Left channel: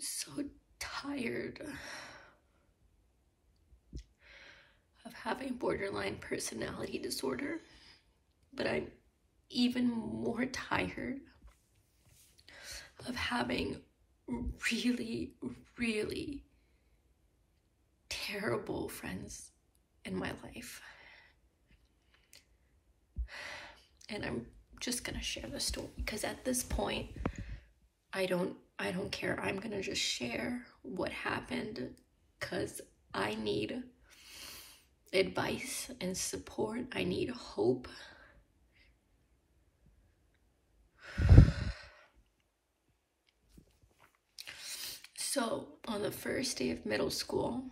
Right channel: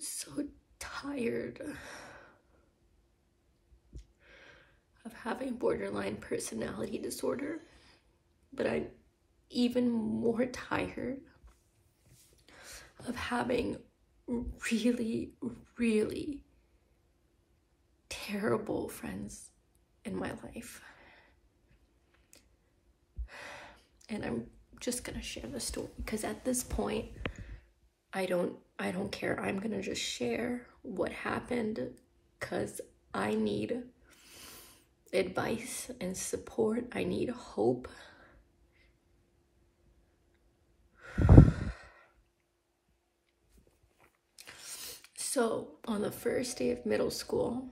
so tired of having borderline personality disorder, but I'm even more tired of having really, really terrible friends in my life. And I'm just gonna share the story because at this point, I don't care. I'm gonna just share what happened because I need advice and support. I need hope. So on the first day of middle school,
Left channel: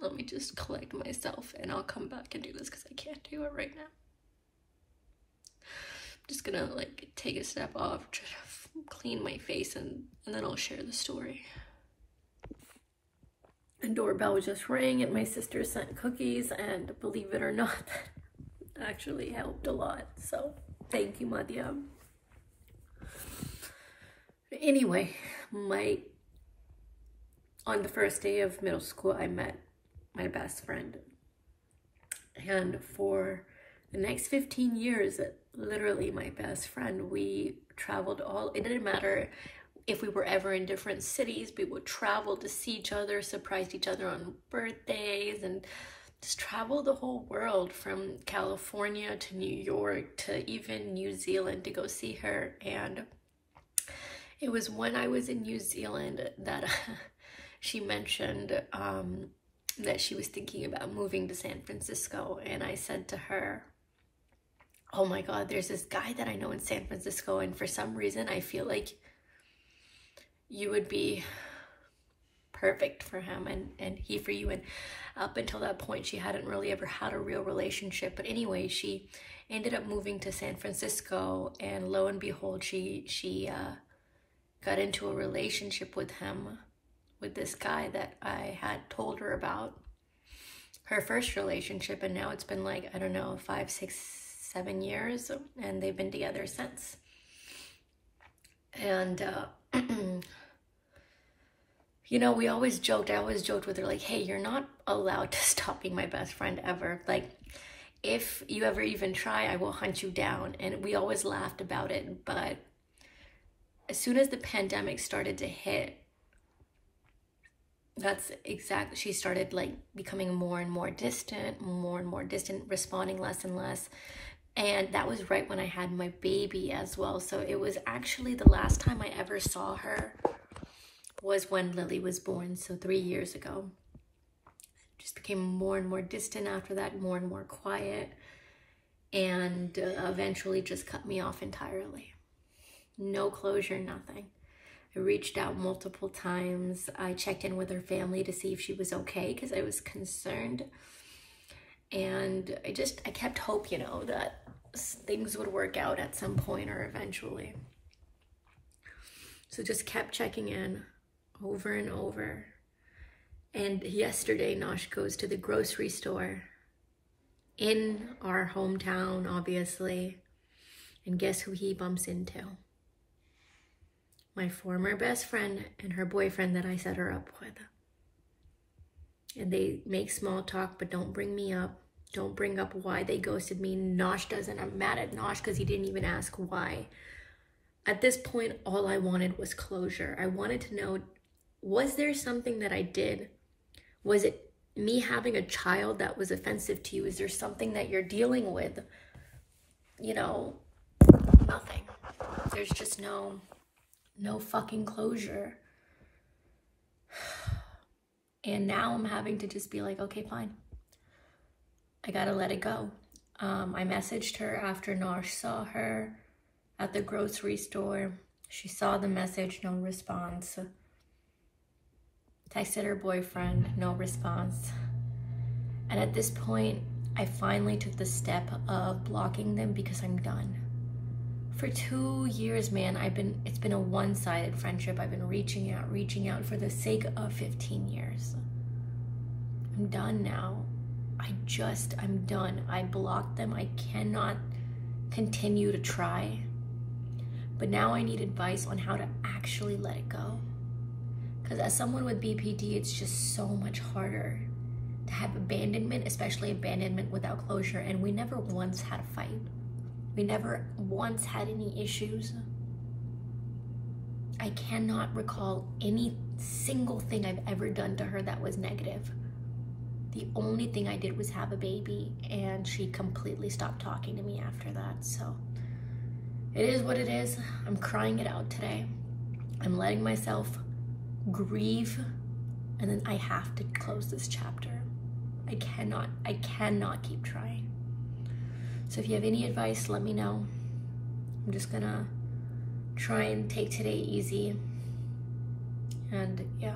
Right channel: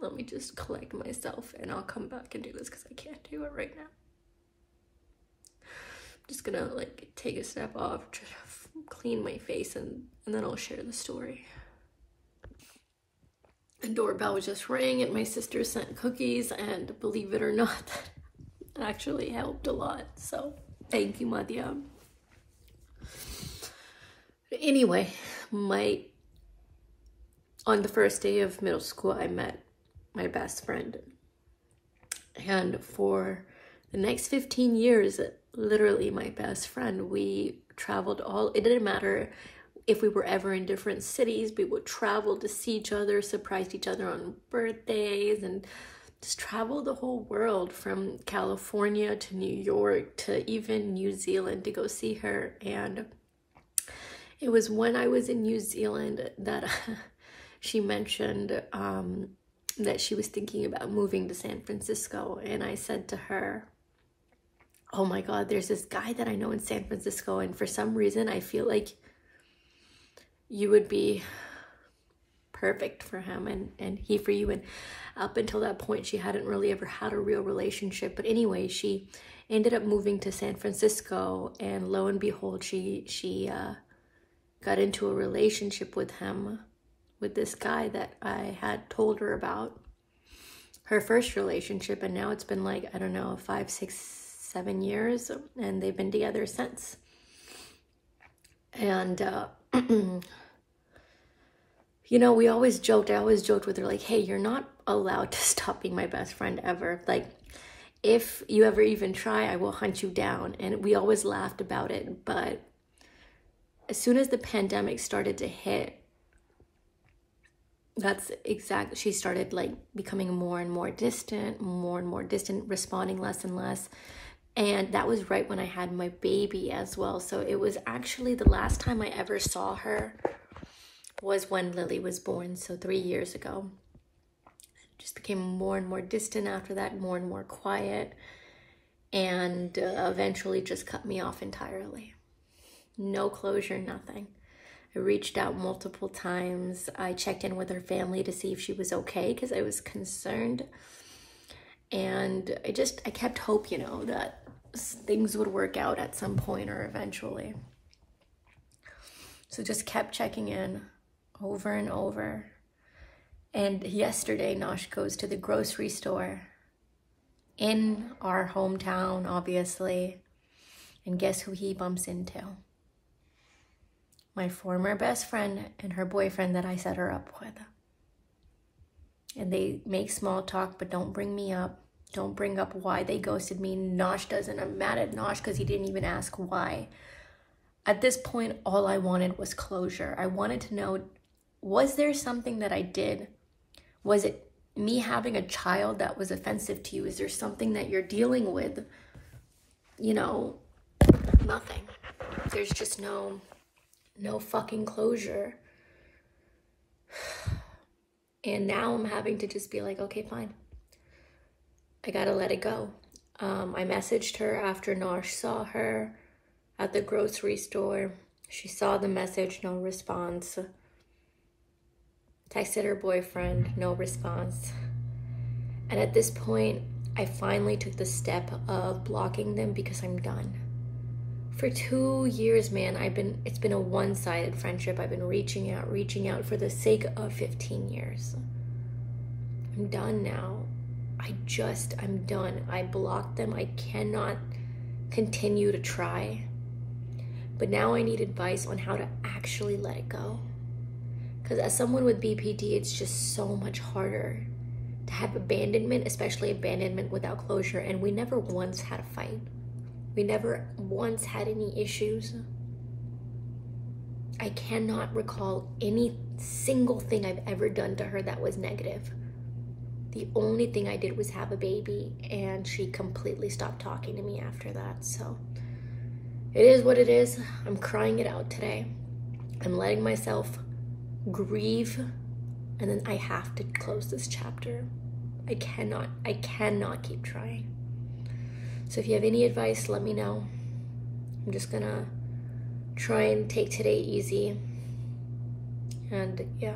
let me just collect myself and I'll come back and do this because I can't do it right now. I'm just gonna like take a step off, try to clean my face, and then I'll share the story. The doorbell just rang and my sister sent cookies, and believe it or not, that actually helped a lot. So thank you, Madhya. Anyway, on the first day of middle school, I met my best friend. And for the next 15 years, literally my best friend, we traveled it didn't matter if we were ever in different cities, we would travel to see each other, surprise each other on birthdays, and just travel the whole world from California to New York to even New Zealand to go see her. And it was when I was in New Zealand that she mentioned that she was thinking about moving to San Francisco. And I said to her, oh my God, there's this guy that I know in San Francisco, and for some reason I feel like you would be perfect for him and he for you. And up until that point, she hadn't really ever had a real relationship. But anyway, she ended up moving to San Francisco, and lo and behold, she got into a relationship with him, with this guy that I had told her about, her first relationship. And now it's been like, I don't know, 5, 6, 7 years, and they've been together since. And you know, I always joked with her, like, hey, you're not allowed to stop being my best friend ever. Like, if you ever even try, I will hunt you down. And we always laughed about it. But as soon as the pandemic started to hit, she started like becoming more and more distant, responding less and less. And that was right when I had my baby as well. So it was actually the last time I ever saw her was when Lily was born, so 3 years ago. Just became more and more distant after that, more and more quiet, and eventually just cut me off entirely. No closure, nothing. I reached out multiple times. I checked in with her family to see if she was okay because I was concerned. And I kept hope, you know, that things would work out at some point or eventually. So just kept checking in over and over. And yesterday, Nosh goes to the grocery store in our hometown, obviously. And guess who he bumps into? My former best friend and her boyfriend that I set her up with. And they make small talk, but don't bring me up. Don't bring up why they ghosted me. Nosh doesn't. I'm mad at Nosh because he didn't even ask why. At this point, all I wanted was closure. I wanted to know, was there something that I did? Was it me having a child that was offensive to you? Is there something that you're dealing with? You know, nothing. There's just no fucking closure. And now I'm having to just be like, okay, fine. I gotta let it go. I messaged her after Nosh saw her at the grocery store. She saw the message, no response. Texted her boyfriend, no response. And at this point, I finally took the step of blocking them because I'm done. For 2 years, man, it's been a one-sided friendship. I've been reaching out for the sake of 15 years. I'm done now. I'm done. I blocked them. I cannot continue to try. But now I need advice on how to actually let it go. Because as someone with BPD, it's just so much harder to have abandonment, especially abandonment without closure. And we never once had a fight. We never once had any issues. I cannot recall any single thing I've ever done to her that was negative. The only thing I did was have a baby, and she completely stopped talking to me after that. So it is what it is. I'm crying it out today. I'm letting myself grieve, and then I have to close this chapter. I cannot keep trying. So if you have any advice, let me know. I'm just gonna try and take today easy. And yeah.